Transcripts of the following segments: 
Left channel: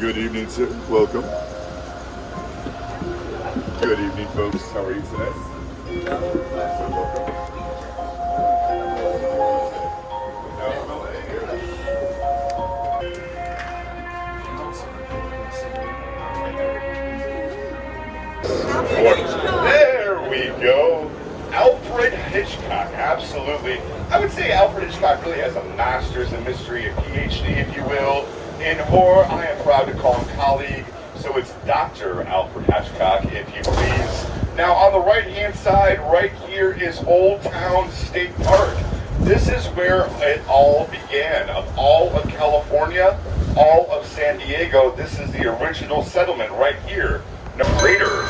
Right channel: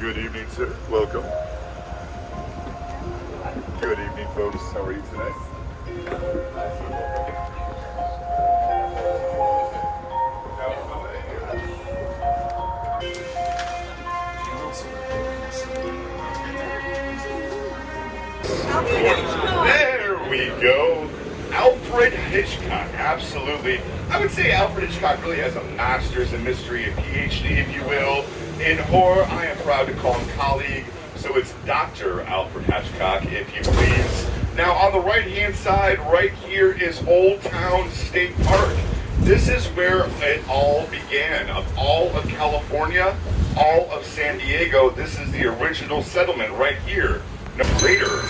Good evening, sir. Welcome. Good evening, folks. How are you today? There we go. Alfred Hitchcock, absolutely. I would say Alfred Hitchcock really has a master's in mystery, a PhD, if you will, in horror. I am proud to call him colleague, so it's Dr. Alfred Hitchcock, if you please. Now, on the right-hand side, right here is Old Town State Park. This is where it all began. Of all of California, all of San Diego, this is the original settlement right here. Later,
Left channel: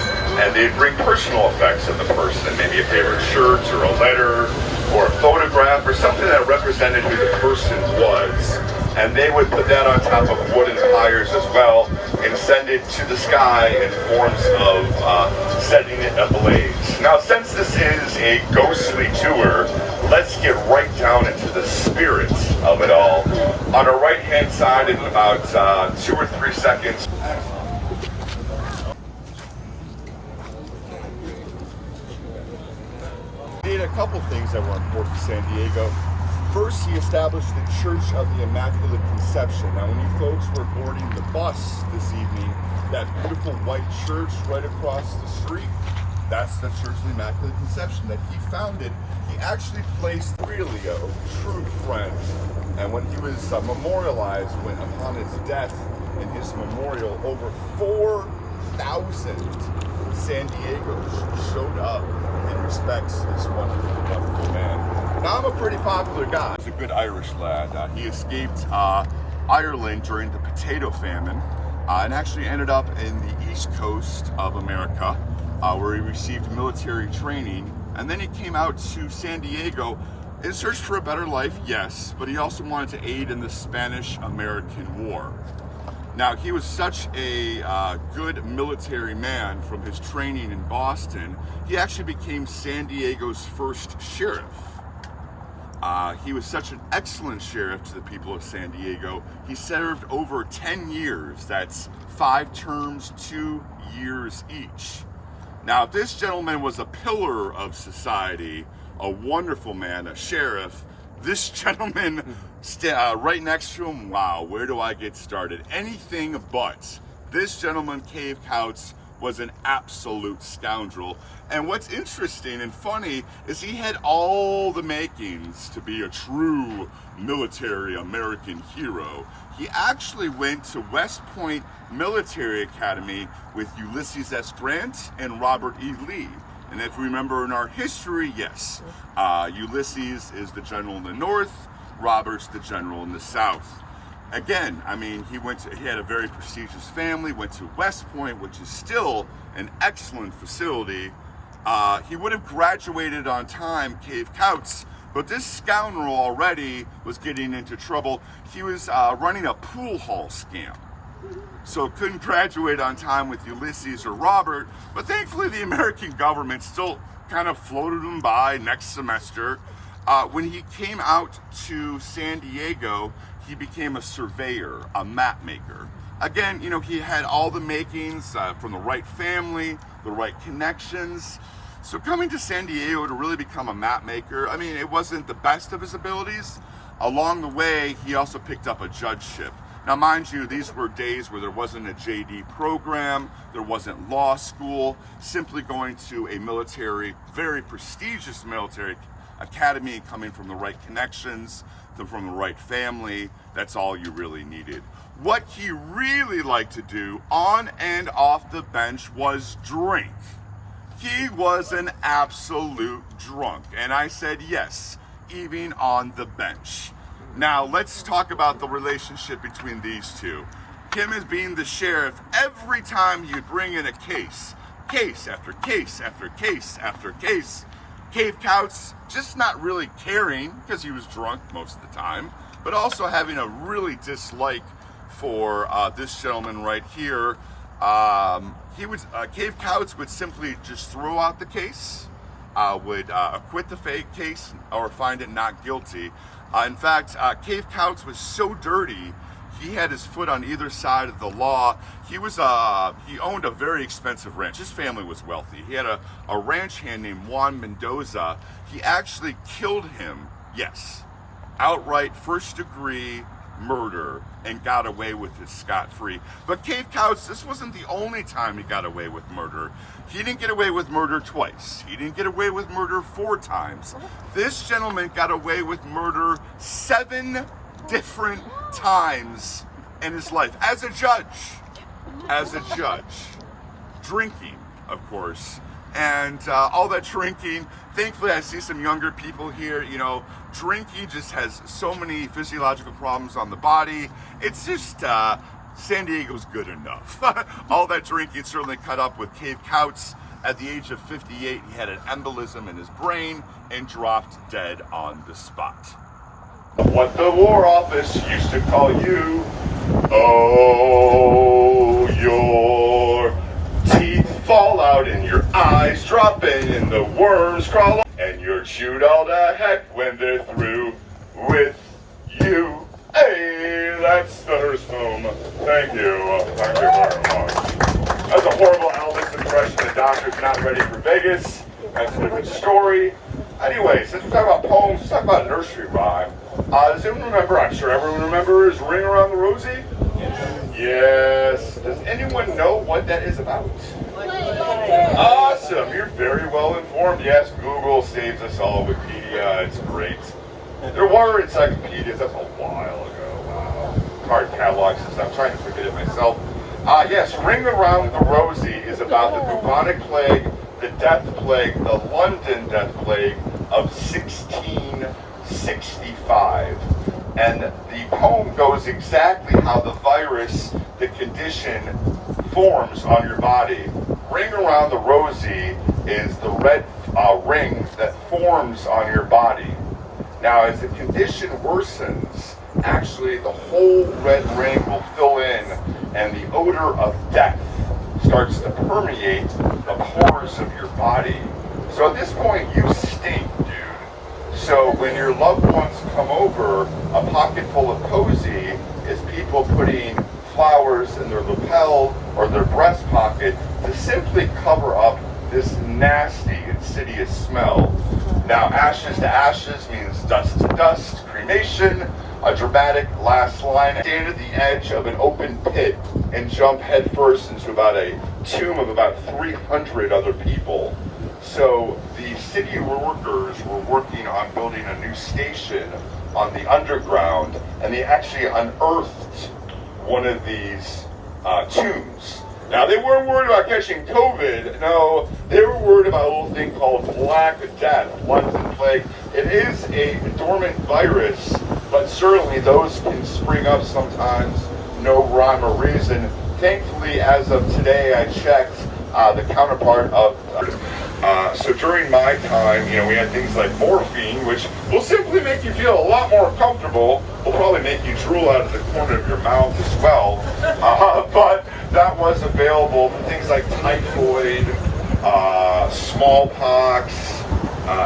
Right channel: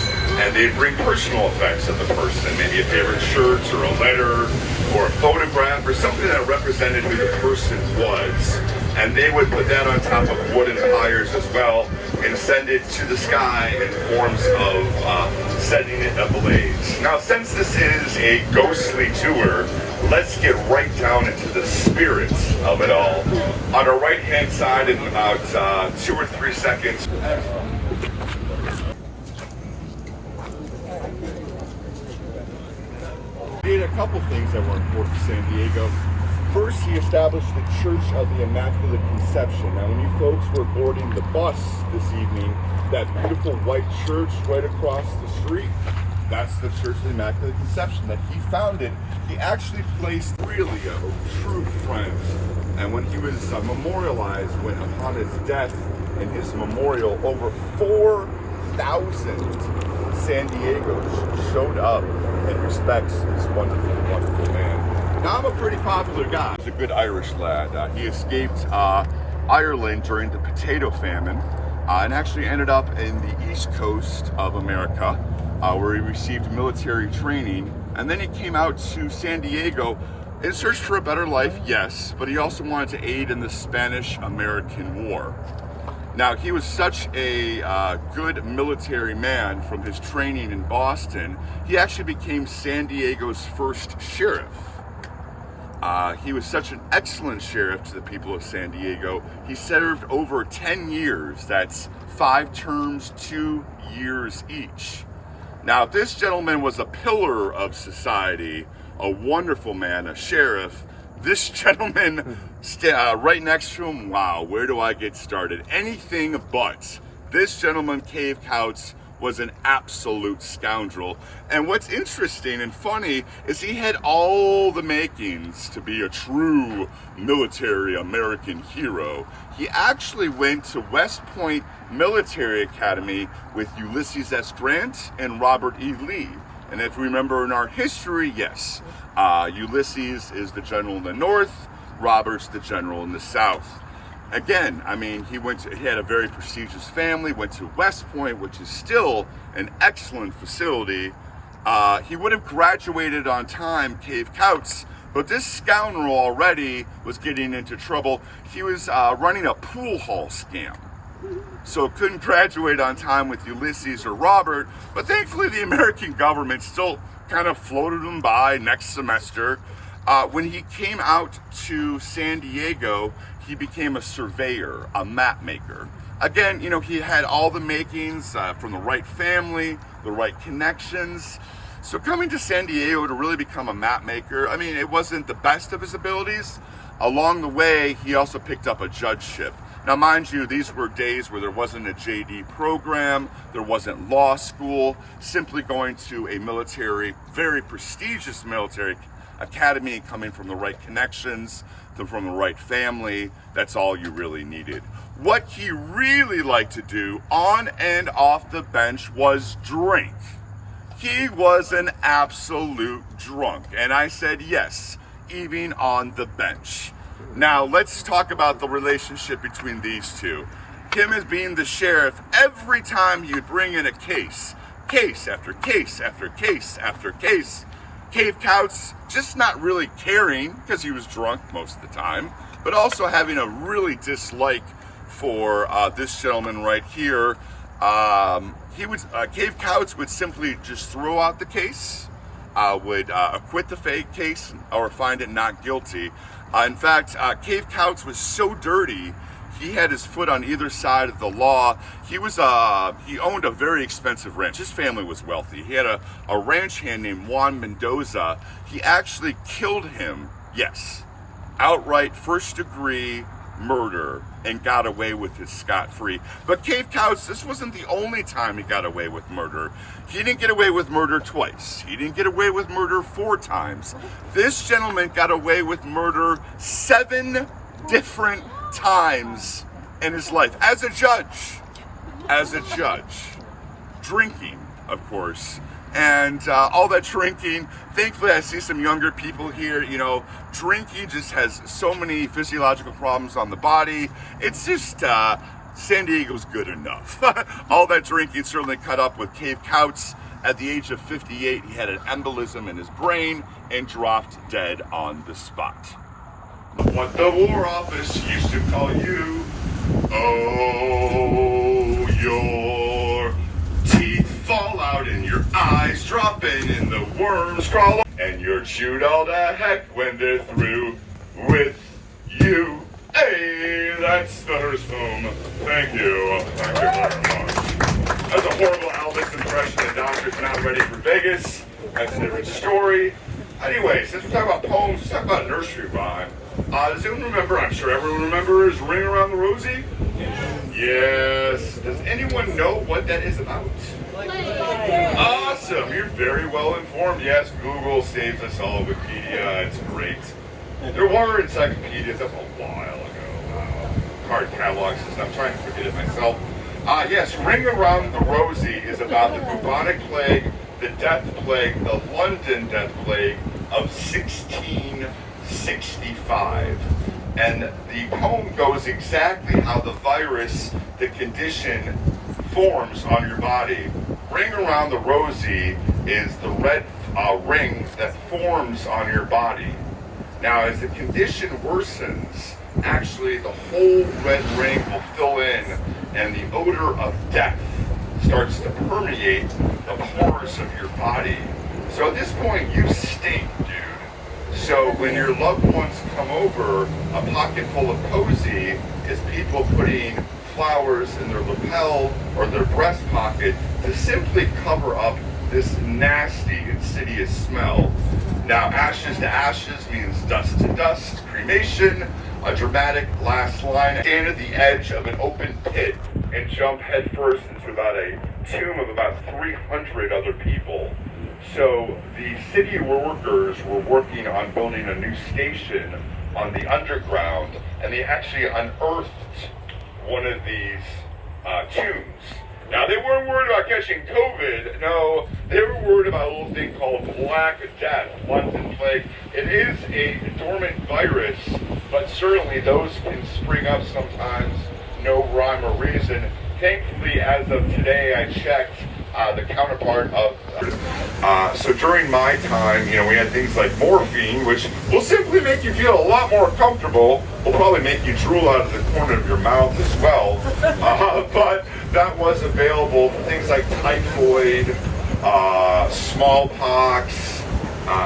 and they'd bring personal effects of the person, maybe a favorite shirt or a letter or a photograph or something that represented who the person was, and they would put that on top of wooden pyres as well and send it to the sky in forms of setting it ablaze. Now, since this is a ghostly tour, let's get right down into the spirit of it all. On our right hand side, in about 2 or 3 seconds, did a couple things that were important to San Diego. First, he established the Church of the Immaculate Conception. Now, when you folks were boarding the bus this evening, that beautiful white church right across the street, that's the Church of the Immaculate Conception that he founded. He actually placed really a true friend. And when he was memorialized, when upon his death, in his memorial, over 4,000 San Diegos showed up in respects to this wonderful, wonderful man. Now, I'm a pretty popular guy. He's a good Irish lad. He escaped Ireland during the potato famine and actually ended up in the east coast of America where he received military training. And then he came out to San Diego in search for a better life, yes, but he also wanted to aid in the Spanish-American War. Now, he was such a good military man from his training in Boston, he actually became San Diego's first sheriff. He was such an excellent sheriff to the people of San Diego. He served over 10 years. That's 5 terms, 2 years each. Now, if this gentleman was a pillar of society, a wonderful man, a sheriff, this gentleman right next to him, wow, where do I get started? Anything but. This gentleman, Cave Couts, was an absolute scoundrel. And what's interesting and funny is he had all the makings to be a true military American hero. He actually went to West Point Military Academy with Ulysses S. Grant and Robert E. Lee. And if we remember in our history, yes, Ulysses is the general in the north, Robert's the general in the south. Again, I mean, he had a very prestigious family, went to West Point, which is still an excellent facility. He would have graduated on time, Cave Couts, but this scoundrel already was getting into trouble. He was running a pool hall scam. So couldn't graduate on time with Ulysses or Robert, but thankfully the American government still kind of floated him by next semester. When he came out to San Diego, he became a surveyor, a map maker. Again, you know, he had all the makings from the right family, the right connections. So coming to San Diego to really become a map maker, I mean, it wasn't the best of his abilities. Along the way, he also picked up a judgeship. Now, mind you, these were days where there wasn't a JD program, there wasn't law school, simply going to a military, very prestigious military academy, coming from the right connections, from the right family, that's all you really needed. What he really liked to do on and off the bench was drink. He was an absolute drunk, and I said yes, even on the bench. Now, let's talk about the relationship between these two. Him as being the sheriff, every time you'd bring in a case after case after case after case, Cave Couts just not really caring, because he was drunk most of the time, but also having a really dislike for this gentleman right here. Cave Couts would simply just throw out the case, would acquit the fake case, or find it not guilty. In fact, Cave Couts was so dirty, he had his foot on either side of the law. He owned a very expensive ranch. His family was wealthy. He had a ranch hand named Juan Mendoza. He actually killed him, yes, outright first-degree murder, and got away with his scot-free. But Cave Couts, this wasn't the only time he got away with murder. He didn't get away with murder twice. He didn't get away with murder 4 times. This gentleman got away with murder 7 different times in his life as a judge. Drinking, of course. And all that drinking, thankfully I see some younger people here. You know, drinking just has so many physiological problems on the body. It's just, San Diego's good enough. All that drinking certainly caught up with Cave Couts. At the age of 58, he had an embolism in his brain and dropped dead on the spot. What the War Office used to call you, oh, your teeth fall out and your eyes drop in and the worms crawl and you're chewed all to heck when they're through with you. Hey, that's the Hearst home. Thank you very much. That's a horrible Elvis impression. The doctor's not ready for Vegas. That's a different story. Anyway, since we're talking about poems, let's talk about a nursery rhyme. Does anyone remember? I'm sure everyone remembers Ring Around the Rosie? Yes. Does anyone know what that is about? Awesome. You're very well informed. Yes, Google saves us all. Wikipedia, it's great. There were encyclopedias. That's a while ago. Wow. Card catalog system. I'm trying to forget it myself. Yes, Ring Around the Rosie is about the bubonic plague, the death plague, the London death plague of 1665. And the poem goes exactly how the virus, the condition, forms on your body. Ring Around the Rosie is the red ring that forms on your body. Now, as the condition worsens, actually the whole red ring will fill in and the odor of death starts to permeate the pores of your body. So at this point, you stink, dude. So when your loved ones come over, a pocket full of cozy is people putting flowers in their lapel or their breast pocket to simply cover up this nasty, insidious smell. Now, ashes to ashes means dust to dust, cremation, a dramatic last line. Stand at the edge of an open pit and jump headfirst into about a tomb of about 300 other people. So the city workers were working on building a new station on the underground, and they actually unearthed one of these tombs. Now, they weren't worried about catching COVID. No, they were worried about a little thing called Black Death, London plague. It is a dormant virus, but certainly those can spring up sometimes, no rhyme or reason. Thankfully, as of today, I checked the counterpart of... so during my time, you know, we had things like morphine, which will simply make you feel a lot more comfortable. Will probably make you drool out of the corner of your mouth as well. But that was available for things like typhoid, smallpox,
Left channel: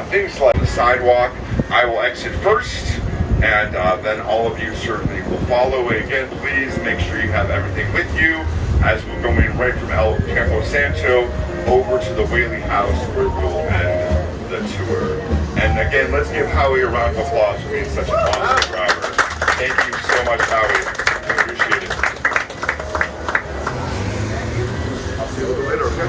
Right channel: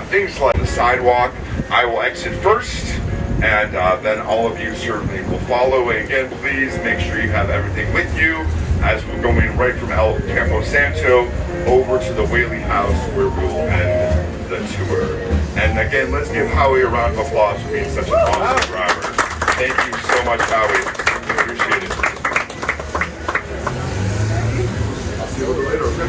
things like the sidewalk. I will exit first, and then all of you certainly will follow. And again, please make sure you have everything with you as we're going right from Campo Santo over to the Whaley house where we will end the tour. And again, let's give Howie a round of applause for being such an awesome driver. Thank you so much, Howie. I appreciate it. I'll see you a little later, okay?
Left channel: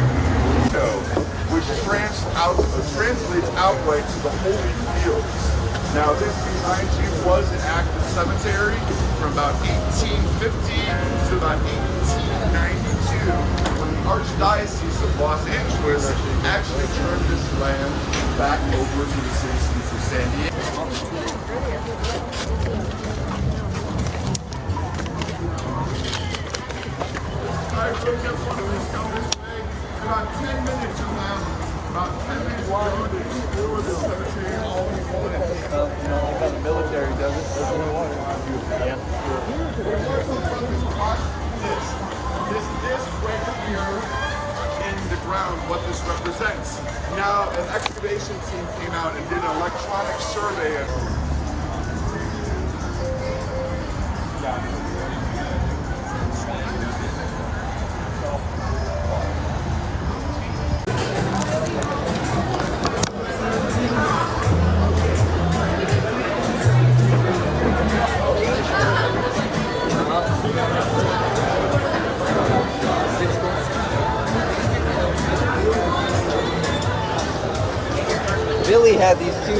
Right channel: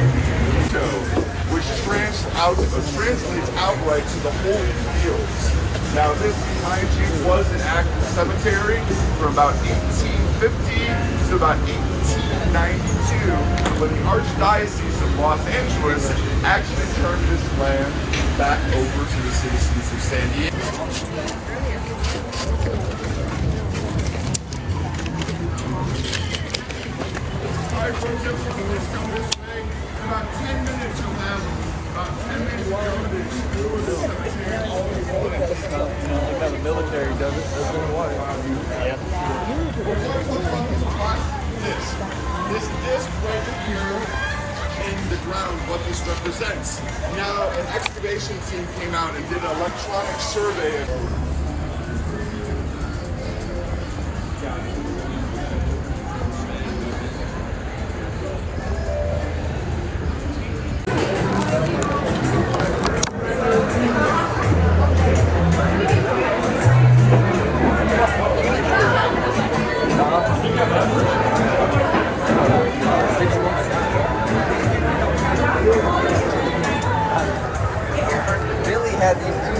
Which translates outright to the holy fields. Now, this behind you was an active cemetery from about 1850 to about 1892, when the Archdiocese of Los Angeles actually turned this land back over to the citizens of San Diego. About 10 minutes you'll have about 10 minutes ago, there was a cemetery all over. You know, how the military does it, doesn't it? What? Yeah. This disc right here in the ground, what this represents. Now, an excavation team came out and did an electronic survey of Again,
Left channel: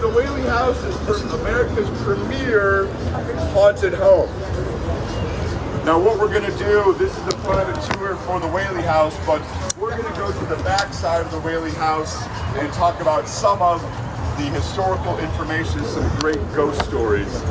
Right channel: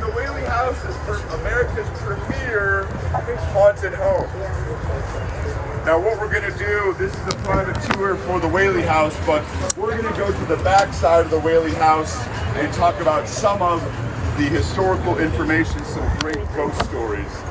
the Whaley House is America's premier haunted home. Now what we're gonna do, this is a private tour for the Whaley House, but we're gonna go to the back side of the Whaley House and talk about some of the historical information, some great ghost stories.